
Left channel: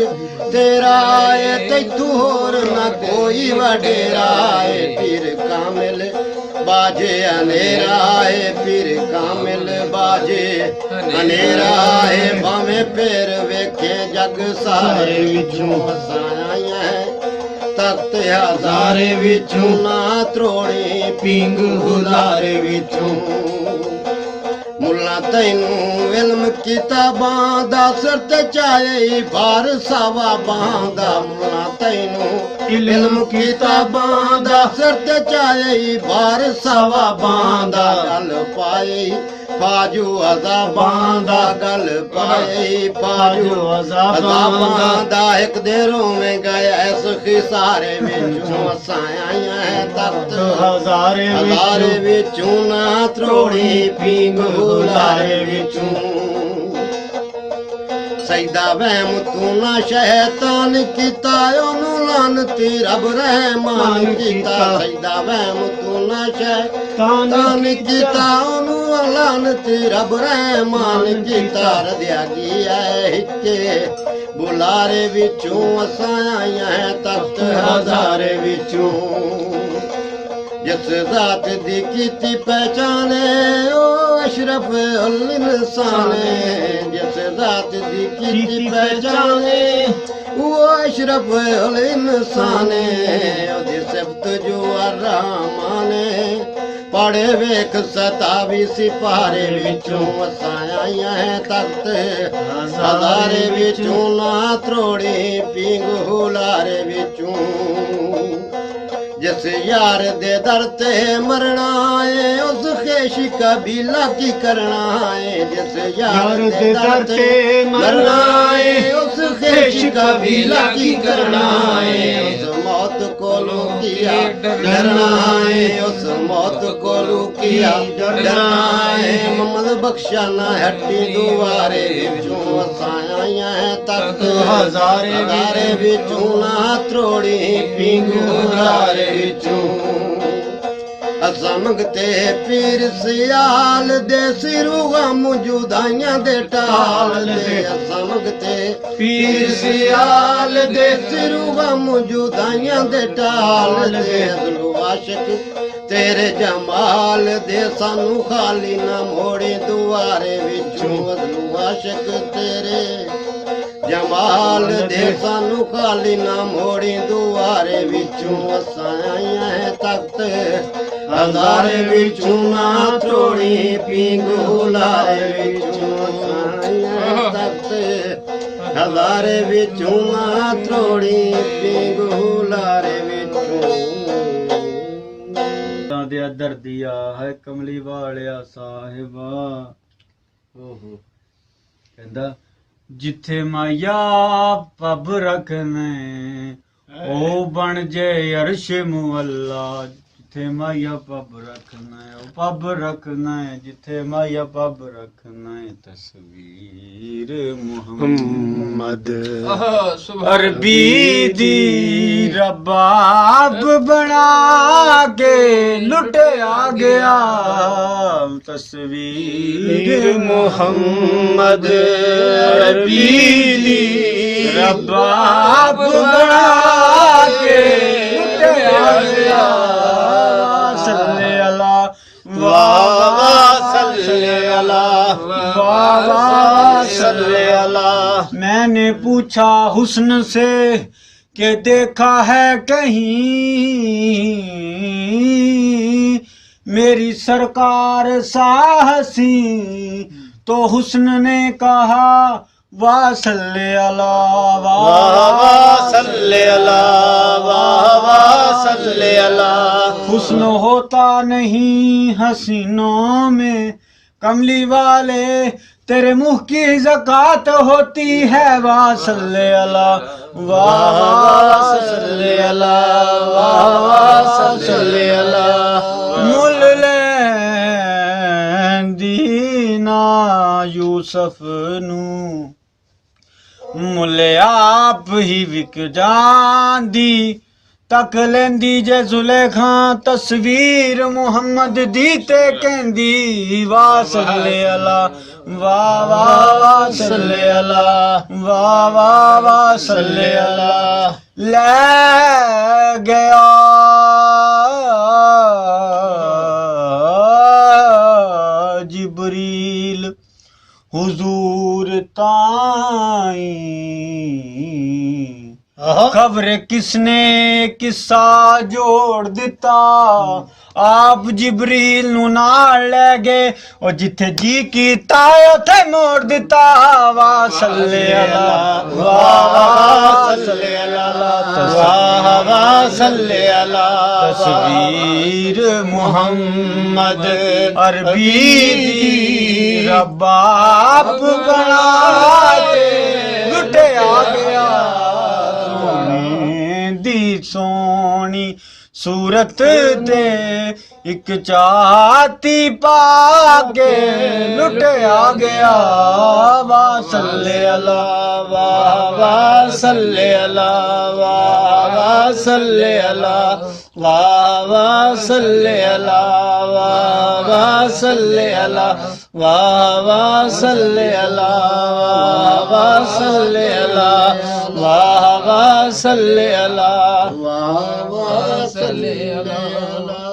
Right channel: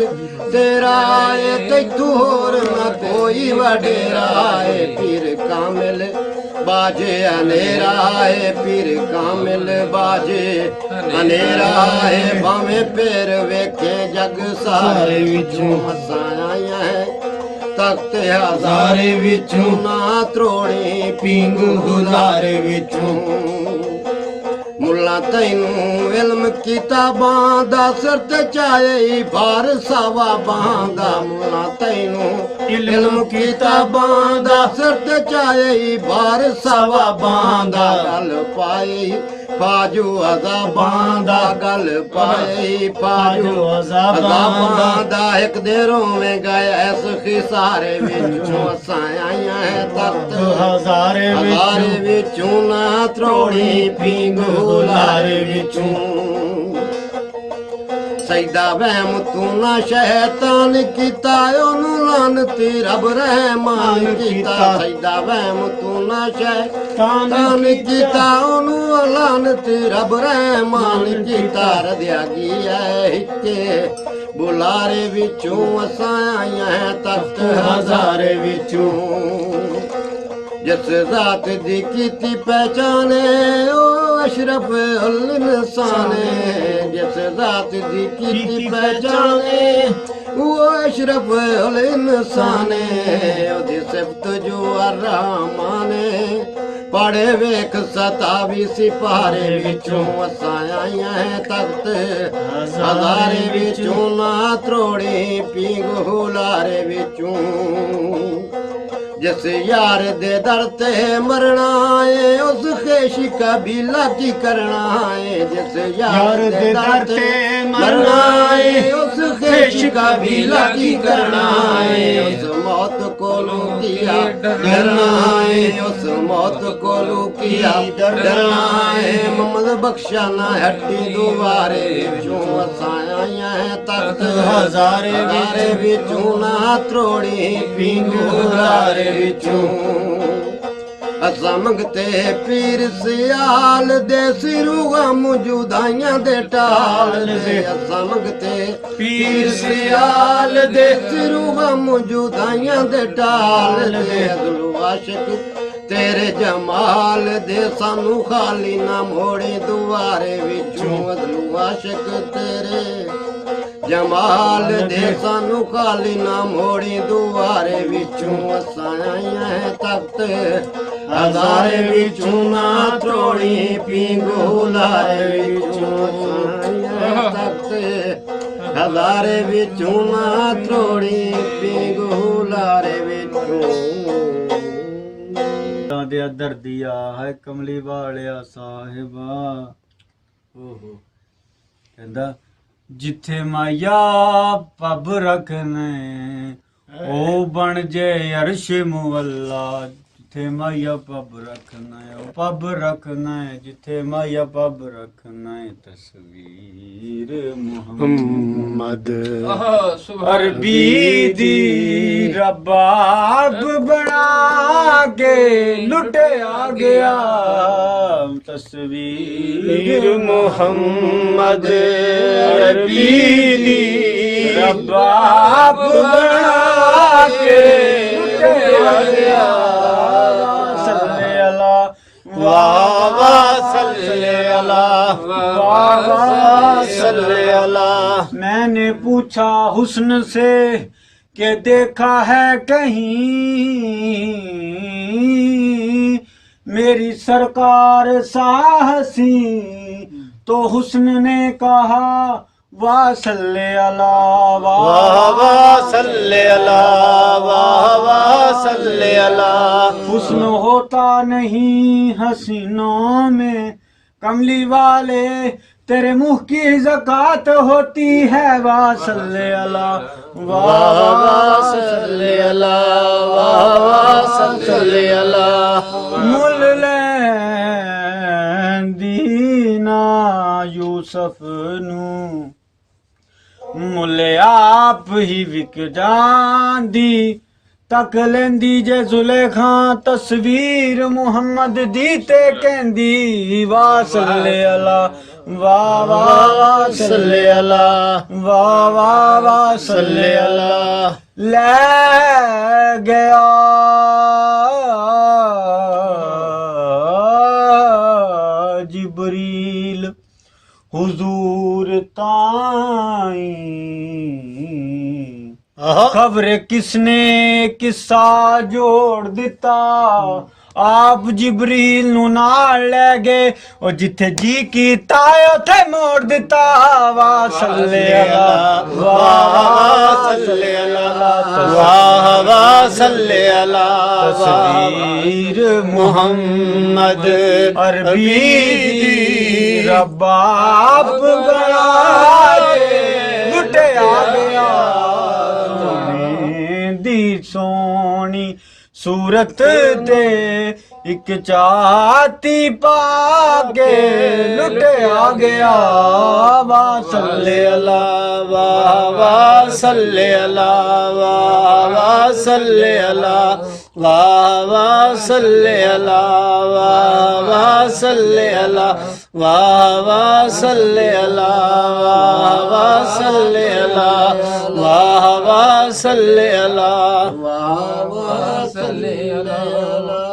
ਤੇਰਾ ਏ ਤੈਥੋਂ ਹੋਰ ਨਾ ਕੋਈ ਵਡੇਰਾ ਏ ਪੀਰ ਕਾਮਿਲ ਬਾਜੇ ਹਨੇਰਾ ਏ ਪੀਰ ਕਾਮਿਲ ਬਾਜੇ ਹਨੇਰਾ ਏ ਭਾਵੇਂ ਫੇਰ ਵੇਖੇ ਜਗ ਸਾਰੇ ਵਿੱਚੋਂ ਅਸਾਂ ਆਈਆਂ ਹੈ ਤਖਤ ਹਜ਼ਾਰੇ ਵਿੱਚੋਂ ਨਾ ਤਰੋੜੀ ਪੀਂਗੂ ਗੁਜ਼ਾਰੇ ਵਿੱਚੋਂ ਮੁੱਲਾ ਤੈਨੂੰ ਇਲਮ ਕੀਤਾ ਬਾਂਦਾ ਸਿਰ ਤੇ ਚਾਏ ਭਾਰ ਸਾਵਾ ਬਾਂਦਾ ਮੁਲਾ ਤੈਨੂੰ ਇਲਮ ਕੀਤਾ ਬਾਂਦਾ ਸਿਰ ਤੇ ਚਾਏ ਭਾਰ ਸਾਵਾ ਬਾਂਦਾ ਗੱਲ ਪਾਈ ਪਾਜੂ ਅਜ਼ਾਬਾਂ ਦਾ ਗੱਲ ਪਾਈ ਪਾਜੂ ਅਜ਼ਾਬਾਂ ਦਾ ਇੱਕ ਦੇ ਰੋਵੇਂਗਾ ਇਸ ਖਿਸਾਰੇ ਵਿੱਚੋਂ ਅਸਾਂ ਆਈਆਂ ਹੈ ਤਖਤ ਹਜ਼ਾਰੇ ਵਿੱਚੋਂ ਨਾ ਤਰੋੜੀ ਪੀਂਗ ਹੁਲਾਰੇ ਵਿੱਚੋਂ ਸੈਦਾ ਵਹਿਮ ਤੂੰ ਨਾ ਸ਼ੈਤਾਨ ਕੀਤਾ ਉਹਨੂੰ ਲਾਨਤੀ ਰੱਬ ਰਹਿਮਾਨ ਕੀਤਾ ਸੈਦਾ ਵਹਿਮ ਤੂੰ ਨਾ ਸ਼ੈਤਾਨ ਕੀਤਾ ਉਹਨੂੰ ਲਾਨਤੀ ਰੱਬ ਰਹਿਮਾਨ ਕੀਤਾ ਰਦਿਆ ਗਿਆ ਹਿੱਕੇ ਬੁਲਾਰੇ ਵਿੱਚੋਂ ਅਸਾਂ ਆਈਆਂ ਹੈ ਤਖਤ ਹਜ਼ਾਰੇ ਵਿੱਚੋਂ ਜਿਸ ਜ਼ਾਤ ਦੀ ਕੀਤੀ ਪਹਿਚਾਨੇ ਉਹ ਅਸ਼ਰਫ ਉਲ ਇਨਸਾਨੇ ਜਿਸ ਜ਼ਾਤ ਦੀ ਕੀਤੀ ਪਹਿਚਾਨੇ ਉਹ ਅਸ਼ਰਫ ਉਲ ਇਨਸਾਨੇ ਉਹਦੀ ਸਿਫਤ ਜੋ ਅਰਹਮਾਨੇ ਪੜੇ ਵੇਖ 27 ਸਿਪਾਰੇ ਵਿੱਚੋਂ ਅਸਾਂ ਆਈਆਂ ਹੈ ਤਖਤ ਹਜ਼ਾਰੇ ਵਿੱਚੋਂ ਨਾ ਤਰੋੜੀ ਪੀਂਗ ਹੁਲਾਰੇ ਵਿੱਚੋਂ जिस यार दे दर ते मरना है उस खेश कबीला की करना है जिस यार दे दर ते मरना है उस खेश कबीला की करना है उस मौत को किया डरना है उस मौत को किया डरना है मोहम्मद बख्शा ना हट्टी दुआरे विचों असां आईयां है तक हजारे विचों ना त्रोड़ी पींग हजारे असां मंगते पीर सियाल दे सिरूआ मौजूदाइयां दे टाल दे असां मंगते पीर सियाल दे सिरूआ मौजूदाइयां दे टाल दे अगलो आशिक तेरे जमाल दे सानू खाली ना मोड़े दुआरे विचों अगलो आशिक तेरे जमाल दे सानू खाली ना मोड़ी दुआरे विचों असां आईयां है तख्त हजारे विचों ना त्रोड़ी पींग हुलारे विचों असां आईयां है तख्त हजारे विचों ना त्रोड़ी पींग हुलारे विचों दे दर्दिया है कमली वालिया साहिबा ओहो कहंदा जिथे माया पब रखने ओ बन जे अर्श मुअल्ला जिथे माया पब रखना है ओ पब रखना है जिथे माया पब रखना है तस्वीर मुहम्मद अरबी दी रबाब बना के लुटे आ गया तस्वीर मोहम्मद अरबी दी रबाब बना के लुटे आ गया सल्ले अला वाह वाह सल्ले अला वाह वाह सल्ले अला मैंने पूछा हुस्न से कि देखा है कहीं मेरी सरकार साहसी तो हुस्न ने कहा वाह सल्ले अला वाह वाह सल्ले अला वाह वाह सल्ले अला हुस्न होता नहीं हसीनों में कमली वाले तेरे मुंह की ज़कात होती है वाह सल्ले अला वाह वाह सल्ले अला वाह वाह सल्ले अला मुल दीना यूसुफ नू मुल आप ही विक जांदी तक लेंदी जे जुलेखा तस्वीर मुहम्मद दी ते कहंदी वाह सल्ले अला वाह वाह वाह सल्ले अला वाह वाह वाह सल्ले अला ले गया जिब्रील हुजूर ताई खबर किसने किस्सा जोड़ दिता आप जिबरील नू नाल ले गए और जिथे जी कीता उथे मोड़ दिता वाह सल्ले अला वाह सल्ले अला वाह सल्ले अला तस्वीर मुहम्मद अरबी दी रबाब बना के लुटे आ गया सोने दी सोनी सूरत ते एक चाती पाके लुटे आ गया वाह सल्ले अला वाह सल्ले अला वाह सल्ले अला वाह सल्ले अला वाह सल्ले अला वाह सल्ले अला वाह सल्ले अला वाह सल्ले अला सल्ले अला